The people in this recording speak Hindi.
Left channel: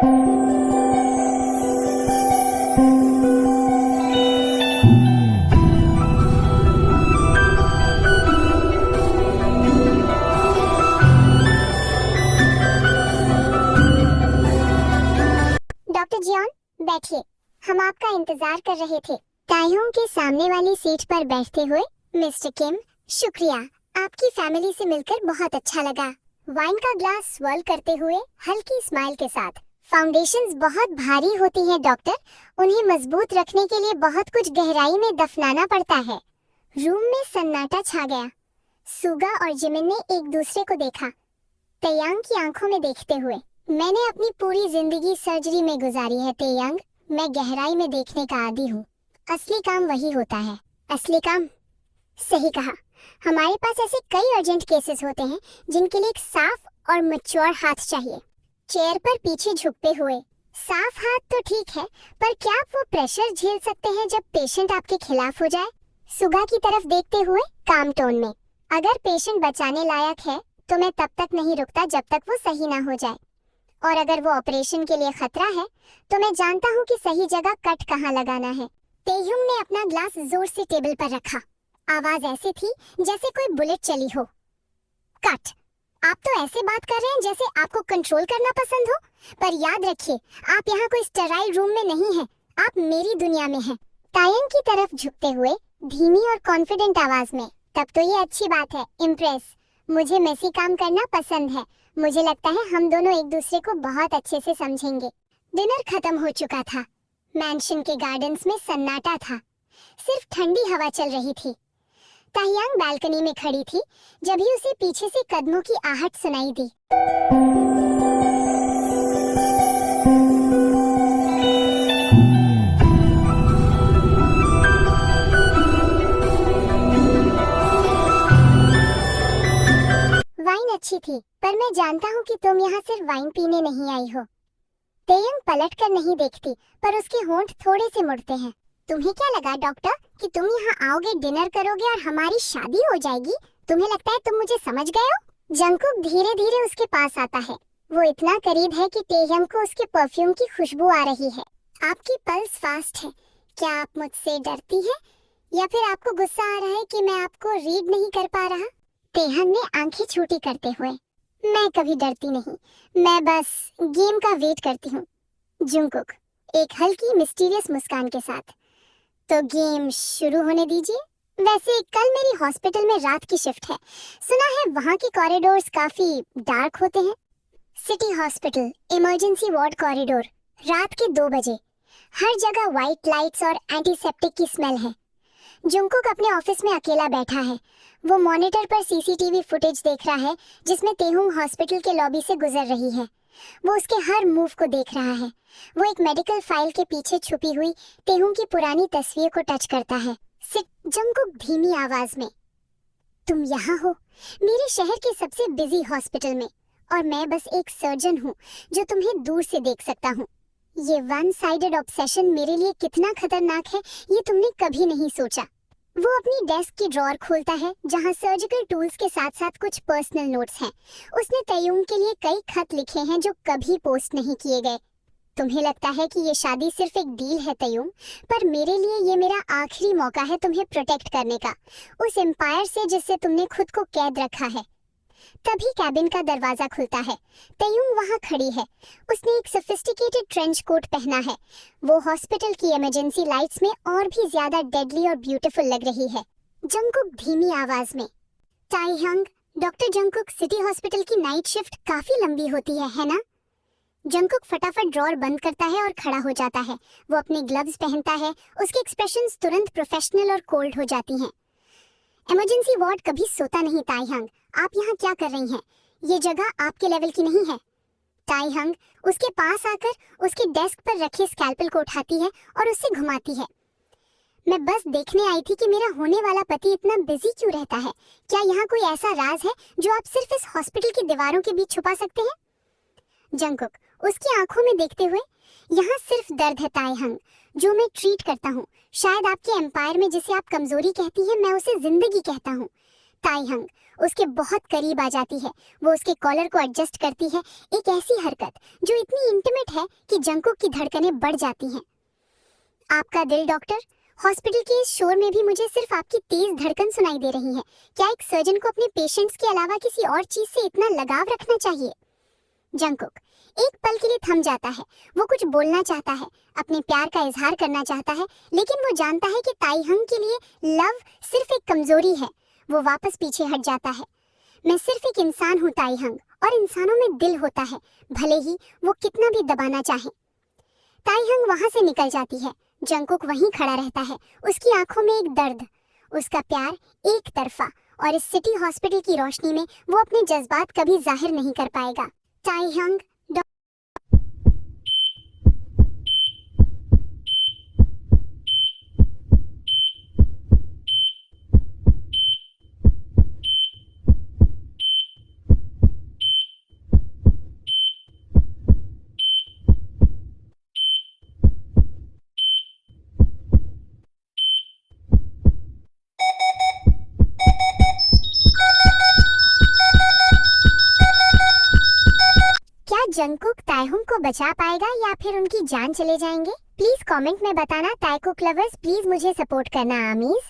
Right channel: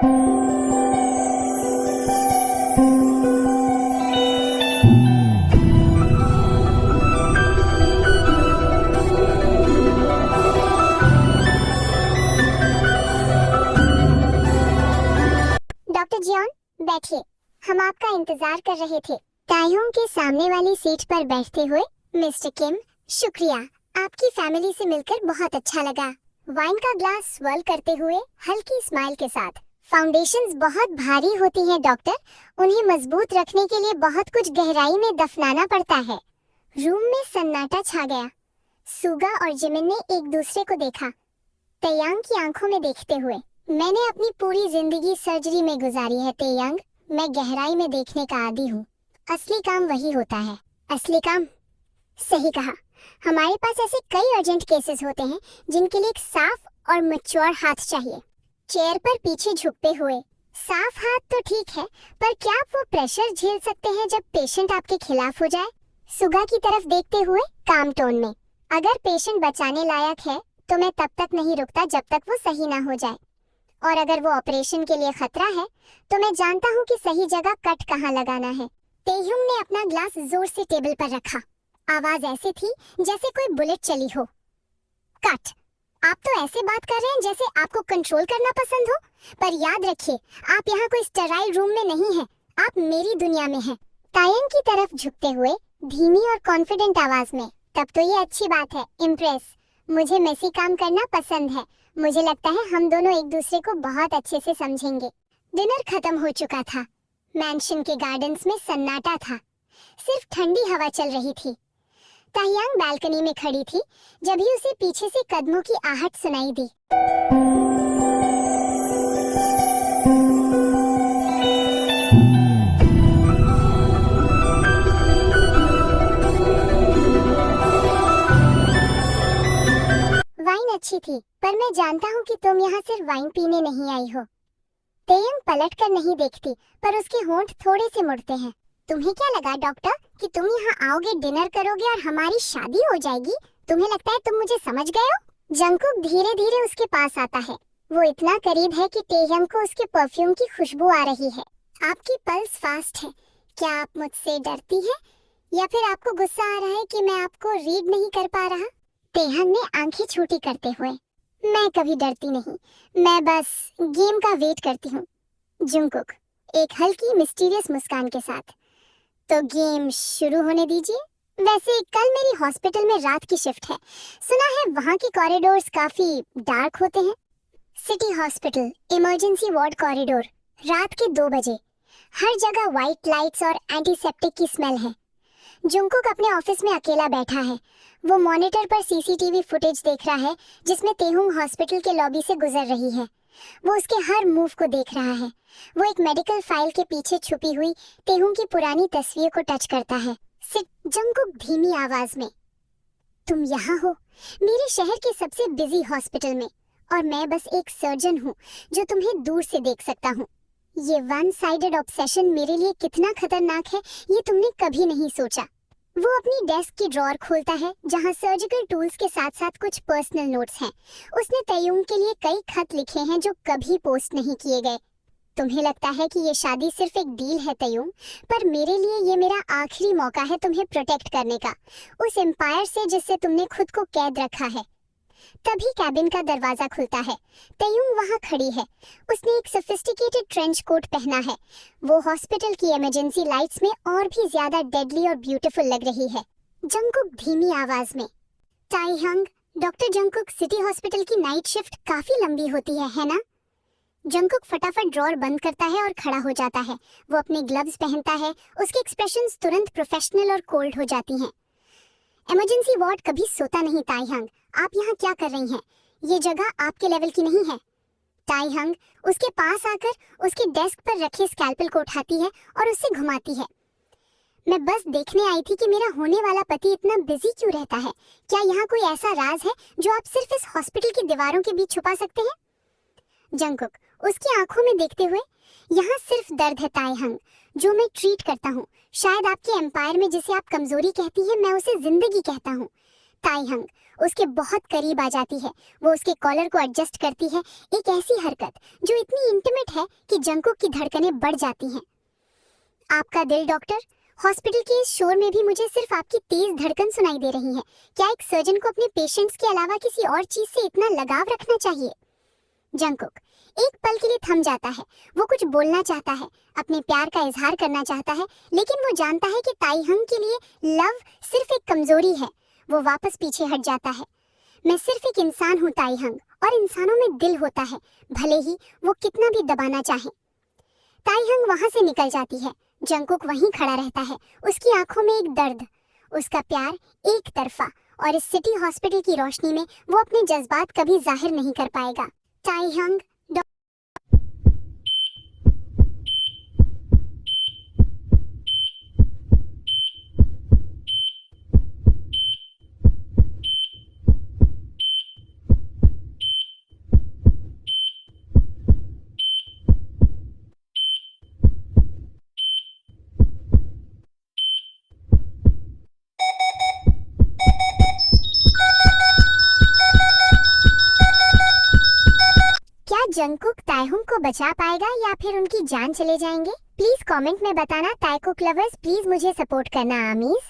डॉक्टर जियोन, बैठिए। हम आपका इंतजार कर रहे थे। ताइयों के सामने वाली सीट पर बैठते हुए मिस्टर किम, शुक्रिया। आपकी फैमिली से मिलकर बहुत अच्छा लगा। वाइन का ग्लास स्वर्ल करते हुए हल्की स्माइल के साथ। फाउंडेशंस बहुत भारी होती हैं डॉक्टर, उन्हें मजबूत रखने के लिए बहुत कुछ गहराई में दफनाना पड़ता है। रूम में सन्नाटा छा गया। सुगा और जिमिन ने एक दूसरे को देखा, तेयांग की आंखों में देखते हुए। मैंने अपनी पूरी जिंदगी सर्जरी में गुजारी है तेयांग, मैं गहराई में देखने का आदी हूँ। असली काम वही होता है। असली काम? सही कहा। हमारे पास ऐसे कई अर्जेंट केसेस होते हैं जिनके लिए एक साफ और मैच्योर हाथ चाहिए। चेयर पर पीछे झुकते हुए, साफ हाथ तो ठीक है, पर क्या आप वो प्रेशर झेल सकते हैं जब पेशेंट आपके खिलाफ हो जाए? सुगा की तरफ देखते हुए काम टोन में, अगर पेशेंट बचाने लायक है तो मैं तब तक नहीं रुकता जब तक वो सही ना हो जाए, और अगर वो ऑपरेशन के लिए खतरा है तो मैं जानता हूँ कि सही जगह कट कहाँ लगाना है। तेयुंग ने अपना ग्लास जोर से टेबल पर रखा। आवाज ऐसी थी जैसे कोई बुलेट चली हो। कट। आप तो ऐसे बात कर रहे हैं जैसे आपको कंट्रोल करना पसंद हो, पर याद रखिए, आप यहाँ कोई स्टेराइल रूम में नहीं हैं, आप मेरी दुनिया में हैं। तायंग की तरफ झुकते हुए धीमी और कॉन्फिडेंट आवाज में, तब तो ये अच्छी बात है, इम्प्रेस। मुझे मेसी काम करना पसंद है। मुझे लगता है हम दोनों एक दूसरे को बहुत अच्छे से समझेंगे। डिनर खत्म हो चुका था। मैंशन के गार्डन्स में सन्नाटा था, सिर्फ ठंडी हवा चल रही थी। ताहियांग बालकनी में खड़ी थी जब ही उसे पीछे से कदमों की आहट सुनाई दी। वाइन अच्छी थी, पर मैं जानता हूँ कि तुम यहाँ सिर्फ वाइन पीने नहीं आई हो। तेयंग पलट कर नहीं देखती, पर उसके होंठ थोड़े से मुड़ते हैं। तुम्हें क्या लगा डॉक्टर कि तुम यहाँ आओगे, डिनर करोगे और हमारी शादी हो जाएगी? तुम्हें लगता है तुम मुझे समझ गए हो? जंगकुक धीरे धीरे उसके पास आता है। वो इतना करीब है कि तेयंग को उसके परफ्यूम की खुशबू आ रही है। आपकी पल्स फास्ट है। क्या आप मुझसे डरती है, या फिर आपको गुस्सा आ रहा है कि मैं आपको रीड नहीं कर पा रहा? तेयंग ने आंखें छोटी करते हुए, मैं कभी डरती नहीं, मैं बस गेम का वेट करती हूँ। जंगकुक एक हल्की मिस्टीरियस मुस्कान के साथ, तो गेम शुरू होने दीजिए। वैसे कल मेरी हॉस्पिटल में रात की शिफ्ट है, सुना है वहाँ के कॉरिडोर्स काफी डार्क होते हैं। City hospital emergency ward corridor, रात के 2 बजे, हर जगह व्हाइट लाइट्स और एंटीसेप्टिक की स्मेल है। जंगकुक अपने ऑफिस में अकेला बैठा है। वो मॉनिटर पर सीसीटीवी फुटेज देख रहा है जिसमें तेहुंग हॉस्पिटल के लॉबी से गुजर रही है। वो उसके हर मूव को देख रहा है। वो एक मेडिकल फाइल के पीछे छुपी हुई तेहुंग की पुरानी तस्वीर को टच करता है। जंगकुक धीमी आवाज में, तुम यहाँ हो, मेरे शहर के सबसे बिजी हॉस्पिटल में, और मैं बस एक सर्जन हूँ जो तुम्हें दूर से देख सकता हूँ। ये वन साइडेड ऑब्सेशन मेरे लिए कितना खतरनाक है ये तुमने कभी नहीं सोचा। वो अपनी डेस्क की ड्रॉअर खोलता है जहाँ सर्जिकल टूल्स के साथ साथ कुछ पर्सनल नोट्स हैं। उसने तय्यूम के लिए कई खत लिखे हैं जो कभी पोस्ट नहीं किए गए। तुम्हें लगता है कि ये शादी सिर्फ एक डील है तय्यूम, पर मेरे लिए ये मेरा आखिरी मौका है तुम्हें प्रोटेक्ट करने का, उस एम्पायर से जिससे तुमने खुद को कैद रखा है। तभी कैबिन का दरवाजा खुलता है। तय्यूम वहाँ खड़ी है। उसने एक सोफिस्टिकेटेड ट्रेंच कोट पहना है। वो हॉस्पिटल की इमरजेंसी लाइट्स में और भी ज्यादा डेडली और ब्यूटीफुल लग रही है। जंगकुक धीमी आवाज में, ताइहंग, डॉक्टर जंगकुक, सिटी हॉस्पिटल की नाइट शिफ्ट काफी लंबी होती है ना? जंगकुक फटाफट ड्रॉअर बंद करता है और खड़ा हो जाता है। वो अपने ग्लव्स पहनता है। उसकी एक्सप्रेशंस तुरंत प्रोफेशनल और कोल्ड हो जाती हैं। इमरजेंसी वार्ड कभी सोता नहीं ताइहंग, आप यहाँ क्या कर रही हैं? ये जगह आपके लेवल की नहीं है। ताइहंग उसके पास आकर उसके डेस्क पर रखी स्कैल्पेल को उठाती है और उसे घुमाती है। मैं बस देखने आई थी कि मेरा होने वाला पति इतना बिजी क्यों रहता है। क्या यहाँ कोई ऐसा राज है जो आप सिर्फ इस हॉस्पिटल की दीवारों के बीच छुपा सकते हैं? जंगकुक उसकी आंखों में देखते हुए, यहाँ सिर्फ दर्द है ताइहंग, जो मैं ट्रीट करता हूँ। शायद आपके एम्पायर में जिसे आप कमजोरी कहती है, मैं उसे जिंदगी कहता हूँ। ताइहंग उसके बहुत करीब आ जाती है। वो उसके कॉलर को एडजस्ट करती है, एक ऐसी हरकत जो इतनी इंटीमेट है कि जंगकुक की धड़कनें बढ़ जाती हैं। आपका दिल डॉक्टर, हॉस्पिटल के इस शोर में भी मुझे सिर्फ आपकी तेज धड़कन सुनाई दे रही है। क्या एक सर्जन को अपने पेशेंट्स के अलावा किसी और चीज से इतना लगाव रखना चाहिए? जंगकुक एक पल के लिए थम जाता है। वो कुछ बोलना चाहता है, अपने प्यार का इजहार करना चाहता है, लेकिन वो जानता है कि ताइहंग के लिए लव सिर्फ एक कमजोरी है। वो वापस पीछे हट जाता है। मैं सिर्फ एक इंसान हूँ ताइहंग, और इंसानों में दिल होता है, भले ही वो कितना भी दबाना चाहे। ताइहंग वहां से निकल जाती है। जंगकुक वहीं खड़ा रहता है, उसकी आंखों में एक दर्द, उसका प्यार एक तरफा, और इस सिटी हॉस्पिटल की रोशनी में वो अपने जज्बात कभी जाहिर नहीं कर पाएगा। ताइहंग जंगकुक ताइहंग को बचा पाएगा या फिर उनकी जान चले जाएंगे? प्लीज कमेंट में बताना। ताइकुक लवर्स प्लीज मुझे सपोर्ट करना आमीज।